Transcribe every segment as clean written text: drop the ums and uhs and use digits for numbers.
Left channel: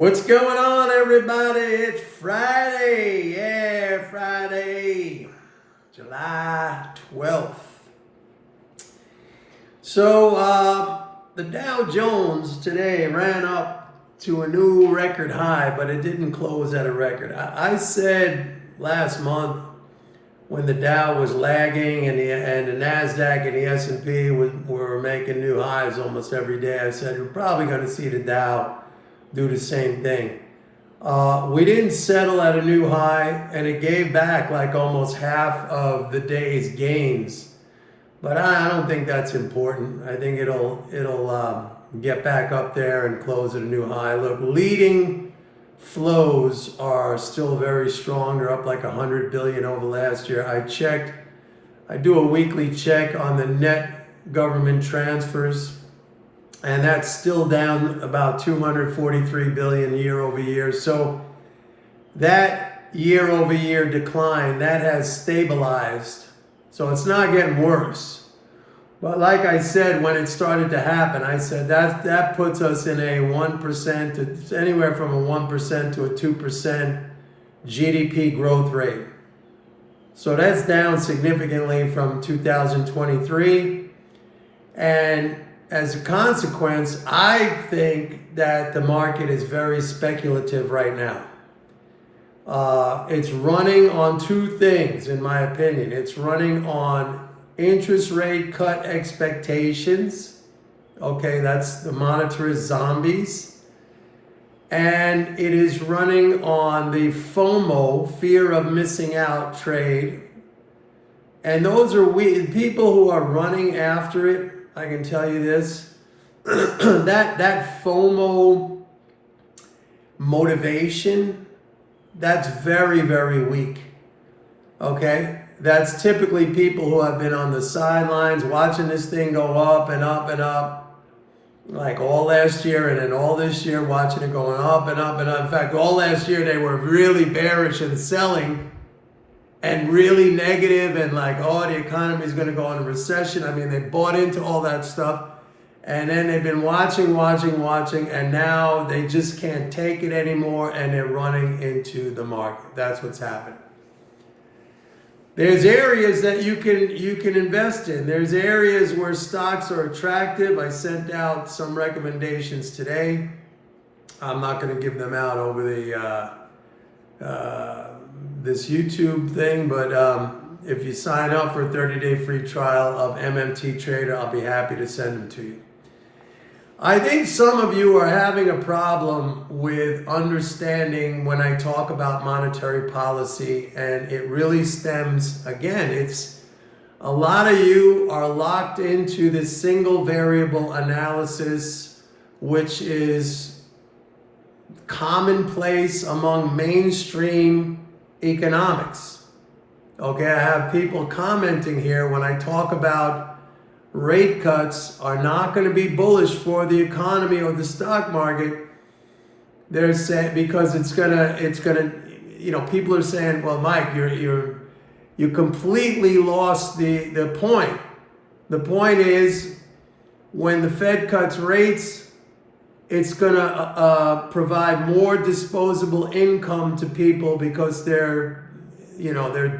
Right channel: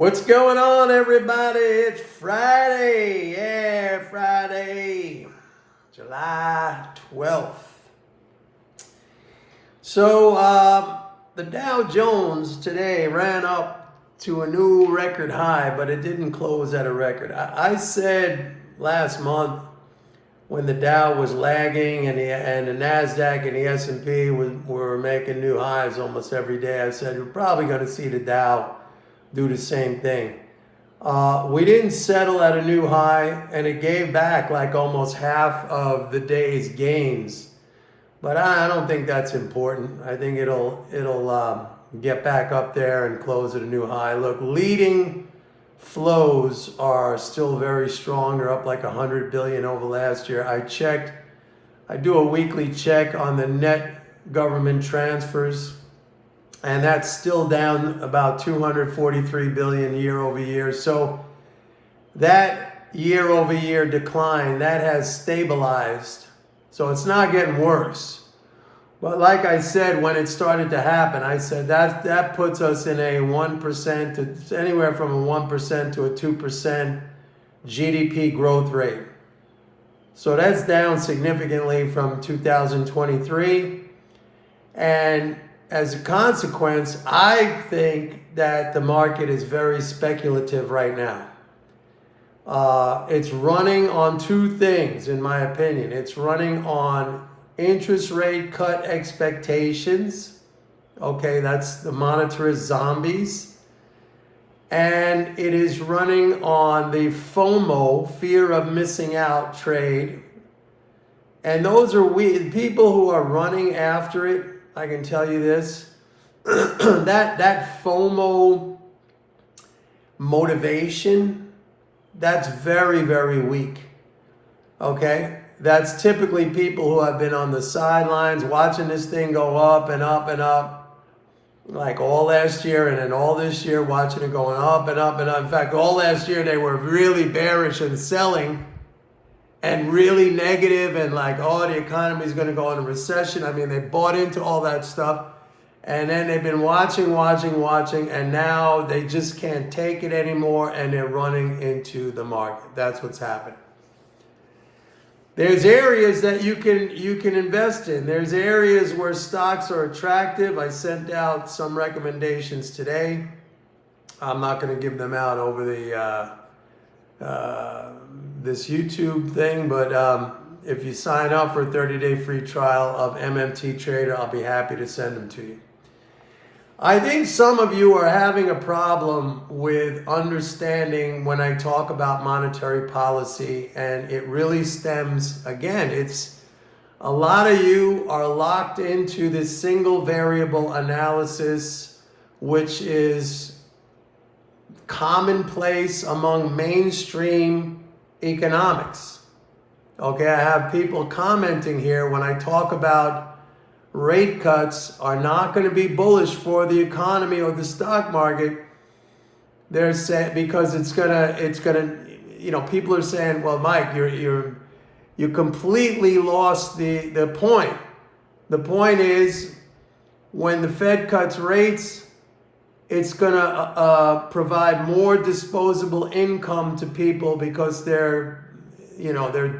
What's going on, everybody? It's Friday. Yeah, Friday, July 12th. So, the Dow Jones today ran up to a new record high, but it didn't close at a record. I said last month when the Dow was lagging and the NASDAQ and the S&P were making new highs almost every day, I said you're probably going to see the Dow do the same thing. We didn't settle at a new high, and it gave back like almost half of the day's gains. But I don't think that's important. I think it'll get back up there and close at a new high. Look, leading flows are still very strong. They're up like 100 billion over last year. I do a weekly check on the net government transfers, and that's still down about 243 billion year over year. So that year over year decline, that has stabilized. So it's not getting worse. But like I said, when it started to happen, I said that puts us in a 1% to anywhere from a 1% to a 2% GDP growth rate. So that's down significantly from 2023. And as a consequence, I think that the market is very speculative right now. It's running on two things, in my opinion. It's running on interest rate cut expectations. Okay, that's the monetarist zombies. And it is running on the FOMO, fear of missing out trade. And those are people who are running after it. I can tell you this, that FOMO motivation, that's very, very weak, okay? That's typically people who have been on the sidelines watching this thing go up and up and up, like all last year and then all this year, watching it going up and up and up. In fact, all last year they were really bearish and selling and really negative and like, oh, the economy is going to go into recession. I mean, they bought into all that stuff. And then they've been watching, and now they just can't take it anymore, and they're running into the market. That's what's happening. There's areas that you can invest in. There's areas where stocks are attractive. I sent out some recommendations today. I'm not going to give them out over this YouTube thing, but if you sign up for a 30-day free trial of MMT Trader, I'll be happy to send them to you. I think some of you are having a problem with understanding when I talk about monetary policy, and it really stems, again, it's a lot of you are locked into this single variable analysis, which is commonplace among mainstream economics. Okay, I have people commenting here when I talk about rate cuts are not going to be bullish for the economy or the stock market. They're saying because it's gonna, people are saying, well, Mike, you completely lost the point. The point is when the Fed cuts rates, it's going to provide more disposable income to people because their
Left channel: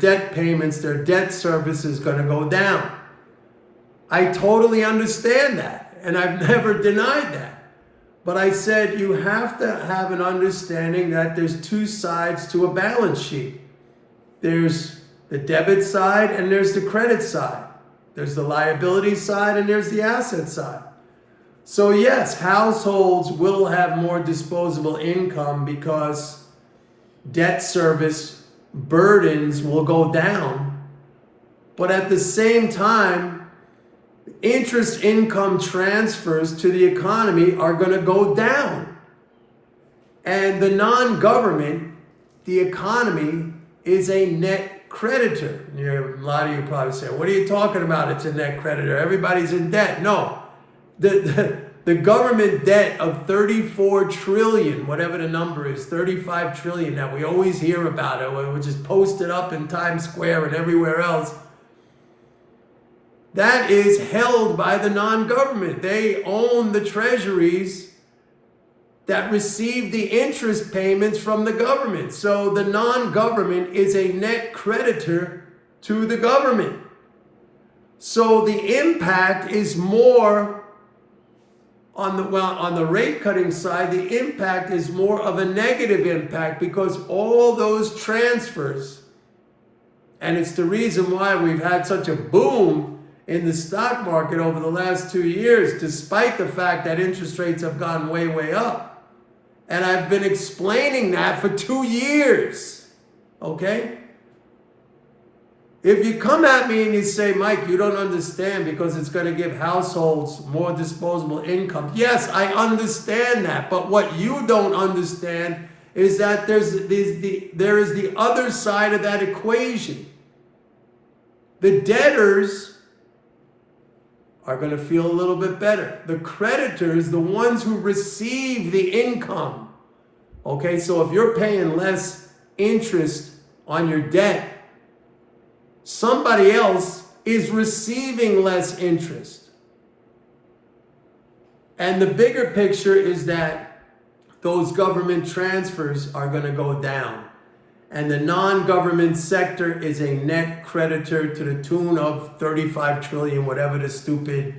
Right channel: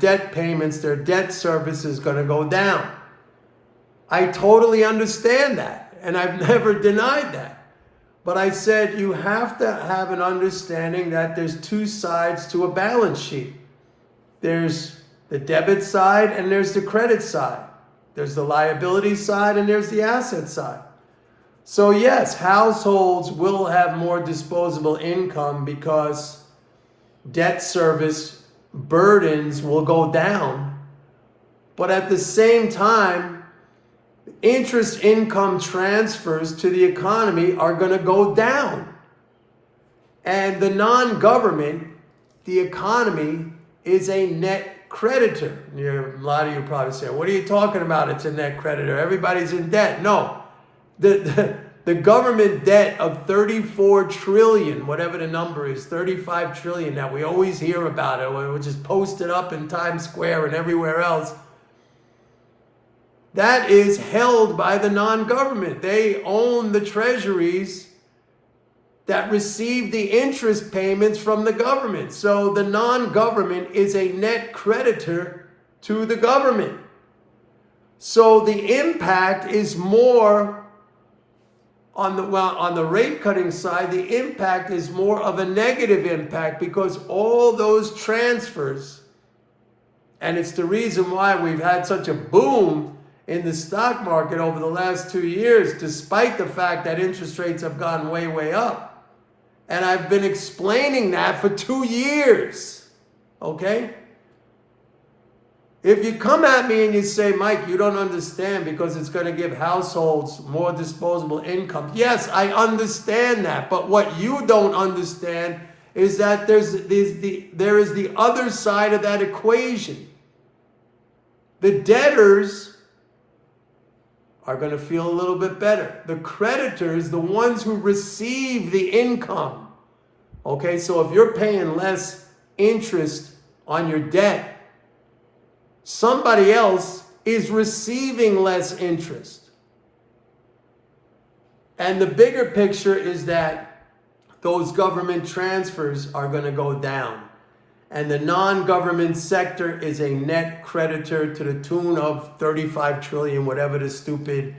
debt payments, their debt service is going to go down. I totally understand that, and I've never denied that. But I said you have to have an understanding that there's two sides to a balance sheet. There's the debit side and there's the credit side. There's the liability side and there's the asset side. So yes, households will have more disposable income because debt service burdens will go down. But at the same time, interest income transfers to the economy are going to go down. And the non-government, the economy, is a net creditor. A lot of you probably say, what are you talking about? It's a net creditor. Everybody's in debt. No. The government debt of 34 trillion, whatever the number is, 35 trillion that we always hear about it, which is posted up in Times Square and everywhere else, that is held by the non-government. They own the treasuries that receive the interest payments from the government. So the non-government is a net creditor to the government. So the impact is more on the rate cutting side, the impact is more of a negative impact because all those transfers, and it's the reason why we've had such a boom in the stock market over the last 2 years, despite the fact that interest rates have gone way, way up. And I've been explaining that for 2 years, okay? If you come at me and you say, Mike, you don't understand because it's going to give households more disposable income. Yes, I understand that. But what you don't understand is that there is the other side of that equation. The debtors are going to feel a little bit better. The creditors, the ones who receive the income. Okay, so if you're paying less interest on your debt, somebody else is receiving less interest. And the bigger picture is that those government transfers are going to go down. And the non-government sector is a net creditor to the tune of 35 trillion, whatever the stupid,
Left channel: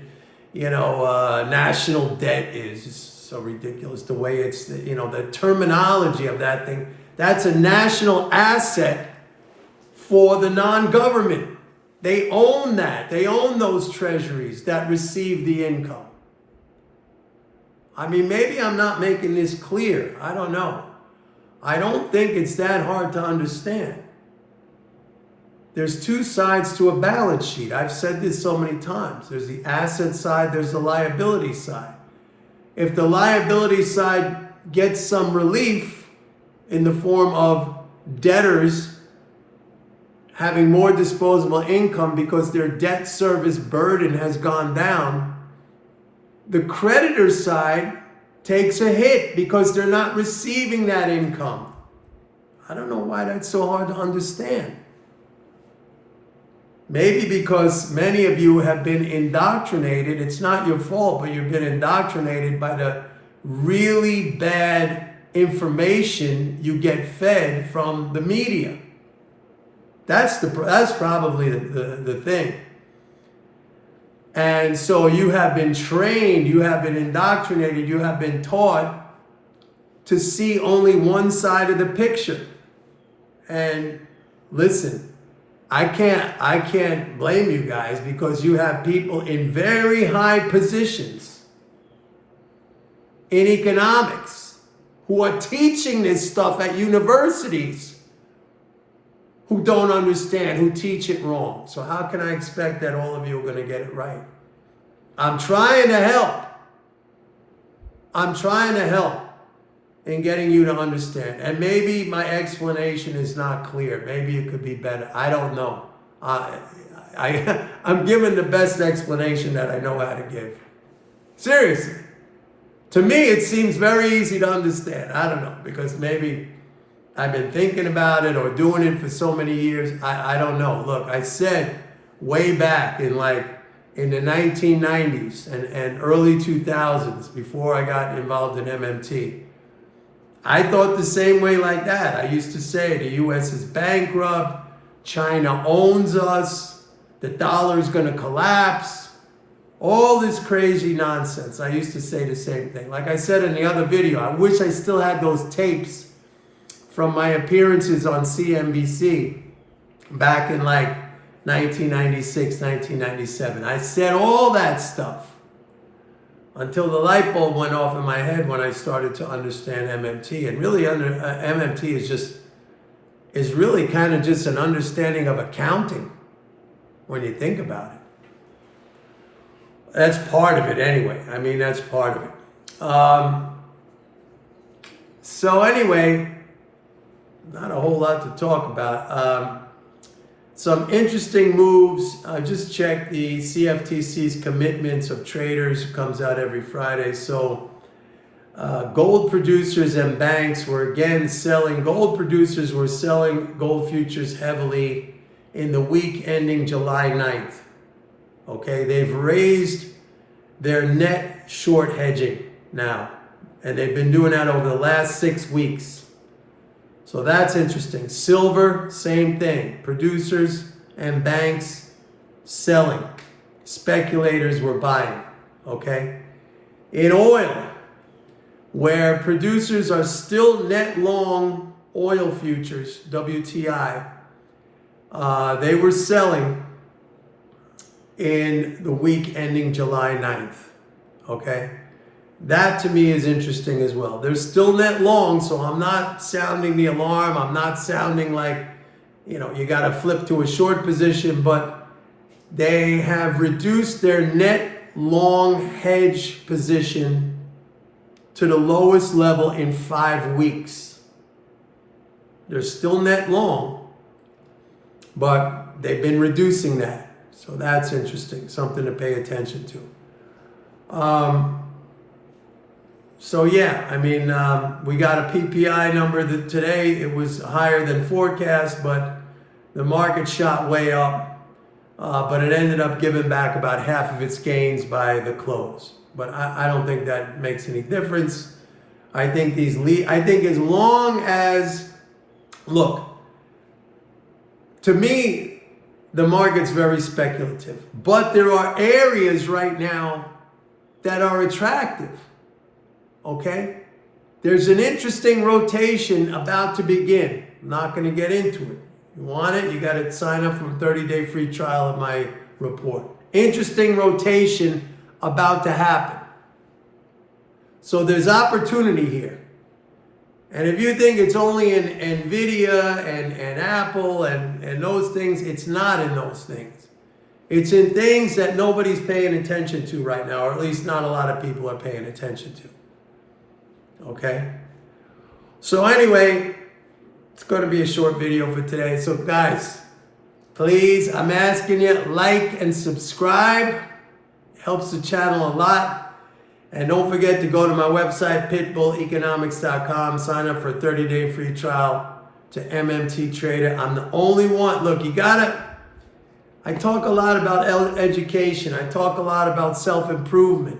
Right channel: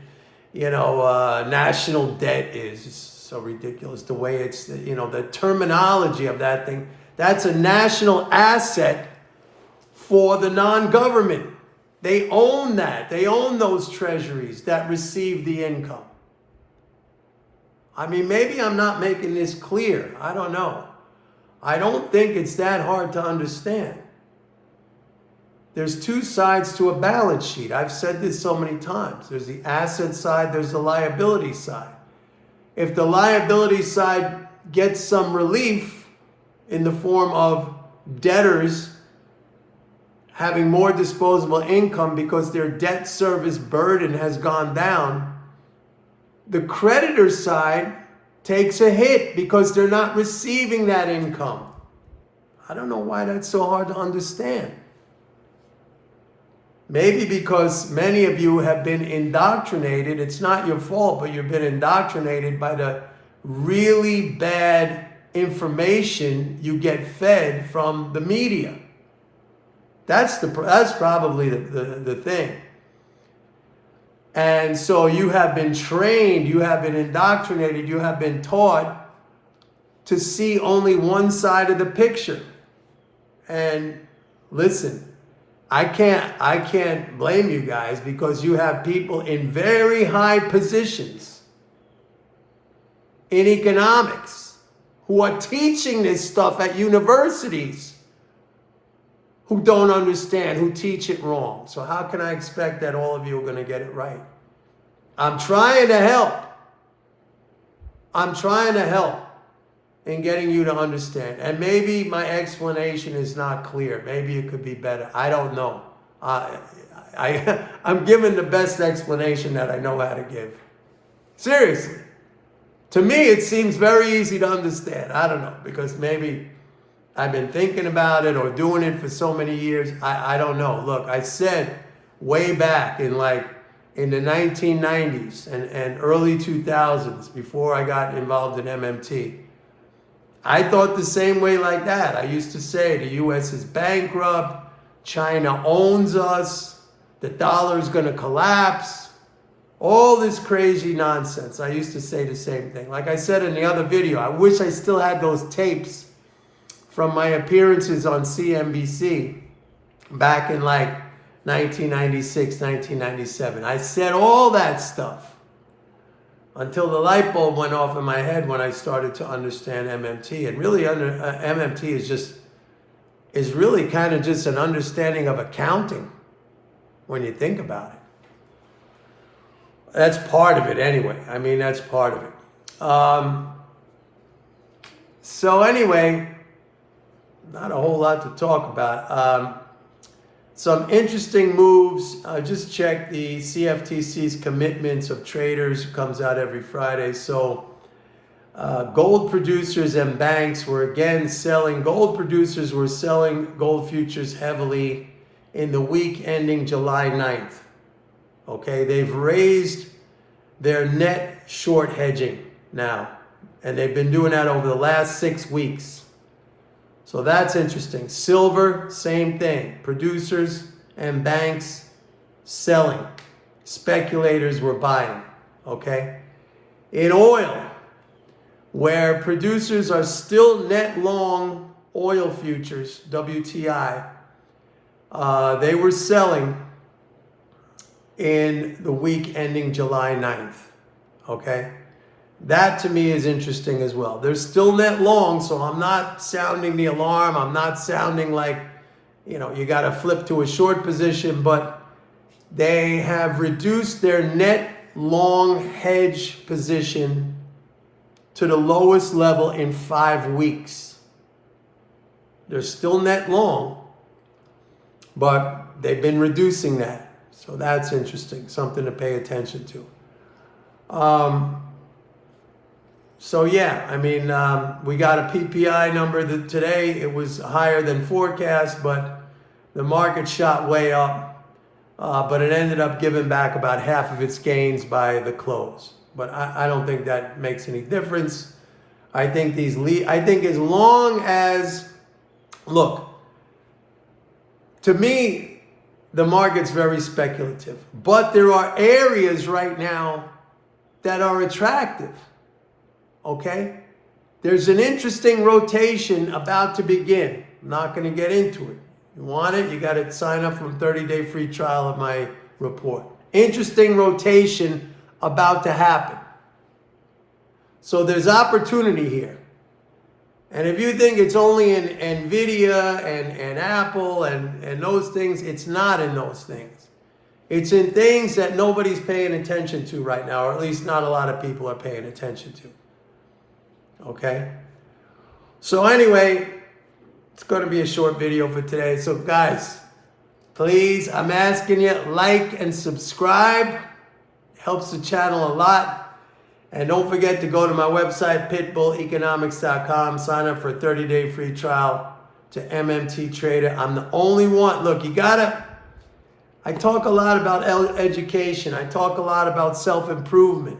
national debt is. It's so ridiculous the way it's, the terminology of that thing. That's a national asset for the non-government. They own that. They own those treasuries that receive the income. I mean, maybe I'm not making this clear. I don't know. I don't think it's that hard to understand. There's two sides to a balance sheet. I've said this so many times. There's the asset side, there's the liability side. If the liability side gets some relief in the form of debtors having more disposable income because their debt service burden has gone down, the creditor side takes a hit because they're not receiving that income. I don't know why that's so hard to understand. Maybe because many of you have been indoctrinated. It's not your fault, but you've been indoctrinated by the really bad information you get fed from the media. That's probably the thing. And so you have been trained, you have been indoctrinated, you have been taught to see only one side of the picture. And listen, I can't blame you guys because you have people in very high positions in economics who are teaching this stuff at universities who don't understand, who teach it wrong. So how can I expect that all of you are going to get it right? I'm trying to help. I'm trying to help in getting you to understand. And maybe my explanation is not clear. Maybe it could be better. I don't know. I'm giving the best explanation that I know how to give. Seriously. To me, it seems very easy to understand. I don't know, because maybe I've been thinking about it or doing it for so many years. I don't know. Look, I said way back in the 1990s and early 2000s, before I got involved in MMT, I thought the same way like that. I used to say the U.S. is bankrupt, China owns us, the dollar's going to collapse, all this crazy nonsense. I used to say the same thing. Like I said in the other video, I wish I still had those tapes from my appearances on CNBC back in 1996, 1997. I said all that stuff until the light bulb went off in my head when I started to understand MMT. And really, MMT is really kind of just an understanding of accounting when you think about it. That's part of it anyway. I mean, that's part of it. So anyway, not a whole lot to talk about. Some interesting moves. I just checked the CFTC's commitments of traders. It comes out every Friday. So gold producers and banks were again selling. Gold producers were selling gold futures heavily in the week ending July 9th. Okay, they've raised their net short hedging now. And they've been doing that over the last 6 weeks. So that's interesting. Silver, same thing. Producers and banks selling. Speculators were buying. Okay? In oil, where producers are still net long oil futures, WTI, they were selling in the week ending July 9th. Okay? That to me is interesting as well. They're still net long, so I'm not sounding the alarm. I'm not sounding like, you got to flip to a short position, but they have reduced their net long hedge position to the lowest level in 5 weeks. They're still net long, but they've been reducing that. So that's interesting, something to pay attention to. So yeah, I mean, we got a PPI number that today, it was higher than forecast, but the market shot way up, but it ended up giving back about half of its gains by the close. But I don't think that makes any difference. I think as long as, look, to me, the market's very speculative, but there are areas right now that are attractive. Okay? There's an interesting rotation about to begin. I'm not going to get into it. You want it? You got to sign up for a 30-day free trial of my report. Interesting rotation about to happen. So there's opportunity here. And if you think it's only in NVIDIA and Apple and those things, it's not in those things. It's in things that nobody's paying attention to right now, or at least not a lot of people are paying attention to. Okay? So anyway, it's going to be a short video for today. So guys, please, I'm asking you, like and subscribe. Helps the channel a lot. And don't forget to go to my website, pitbulleconomics.com. Sign up for a 30-day free trial to MMT Trader. I'm the only one. Look, I talk a lot about education. I talk a lot about self-improvement.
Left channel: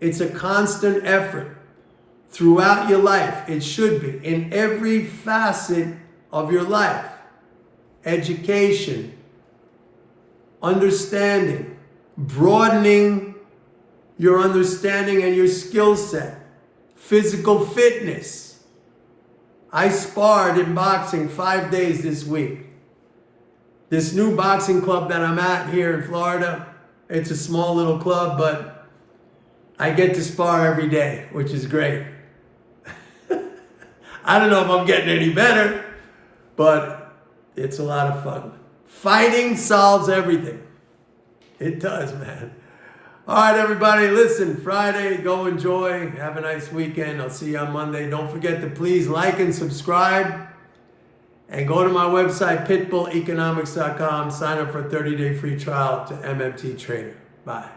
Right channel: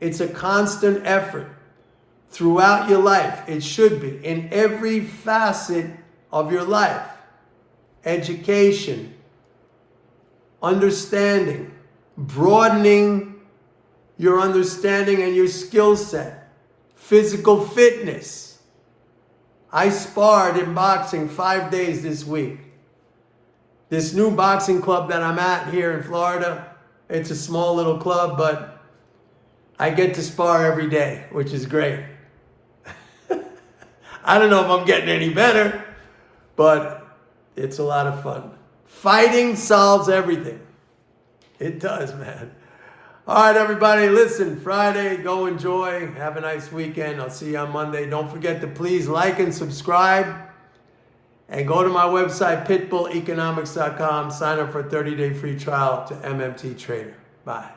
It's a constant effort. Throughout your life, it should be, in every facet of your life. Education, understanding, broadening your understanding and your skill set, physical fitness. I sparred in boxing 5 days this week. This new boxing club that I'm at here in Florida, it's a small little club, but I get to spar every day, which is great. I don't know if I'm getting any better, but it's a lot of fun. Fighting solves everything. It does, man. All right, everybody, listen, Friday, go enjoy. Have a nice weekend. I'll see you on Monday. Don't forget to please like and subscribe. And go to my website, pitbulleconomics.com. Sign up for a 30-day free trial to MMT Trader. Bye.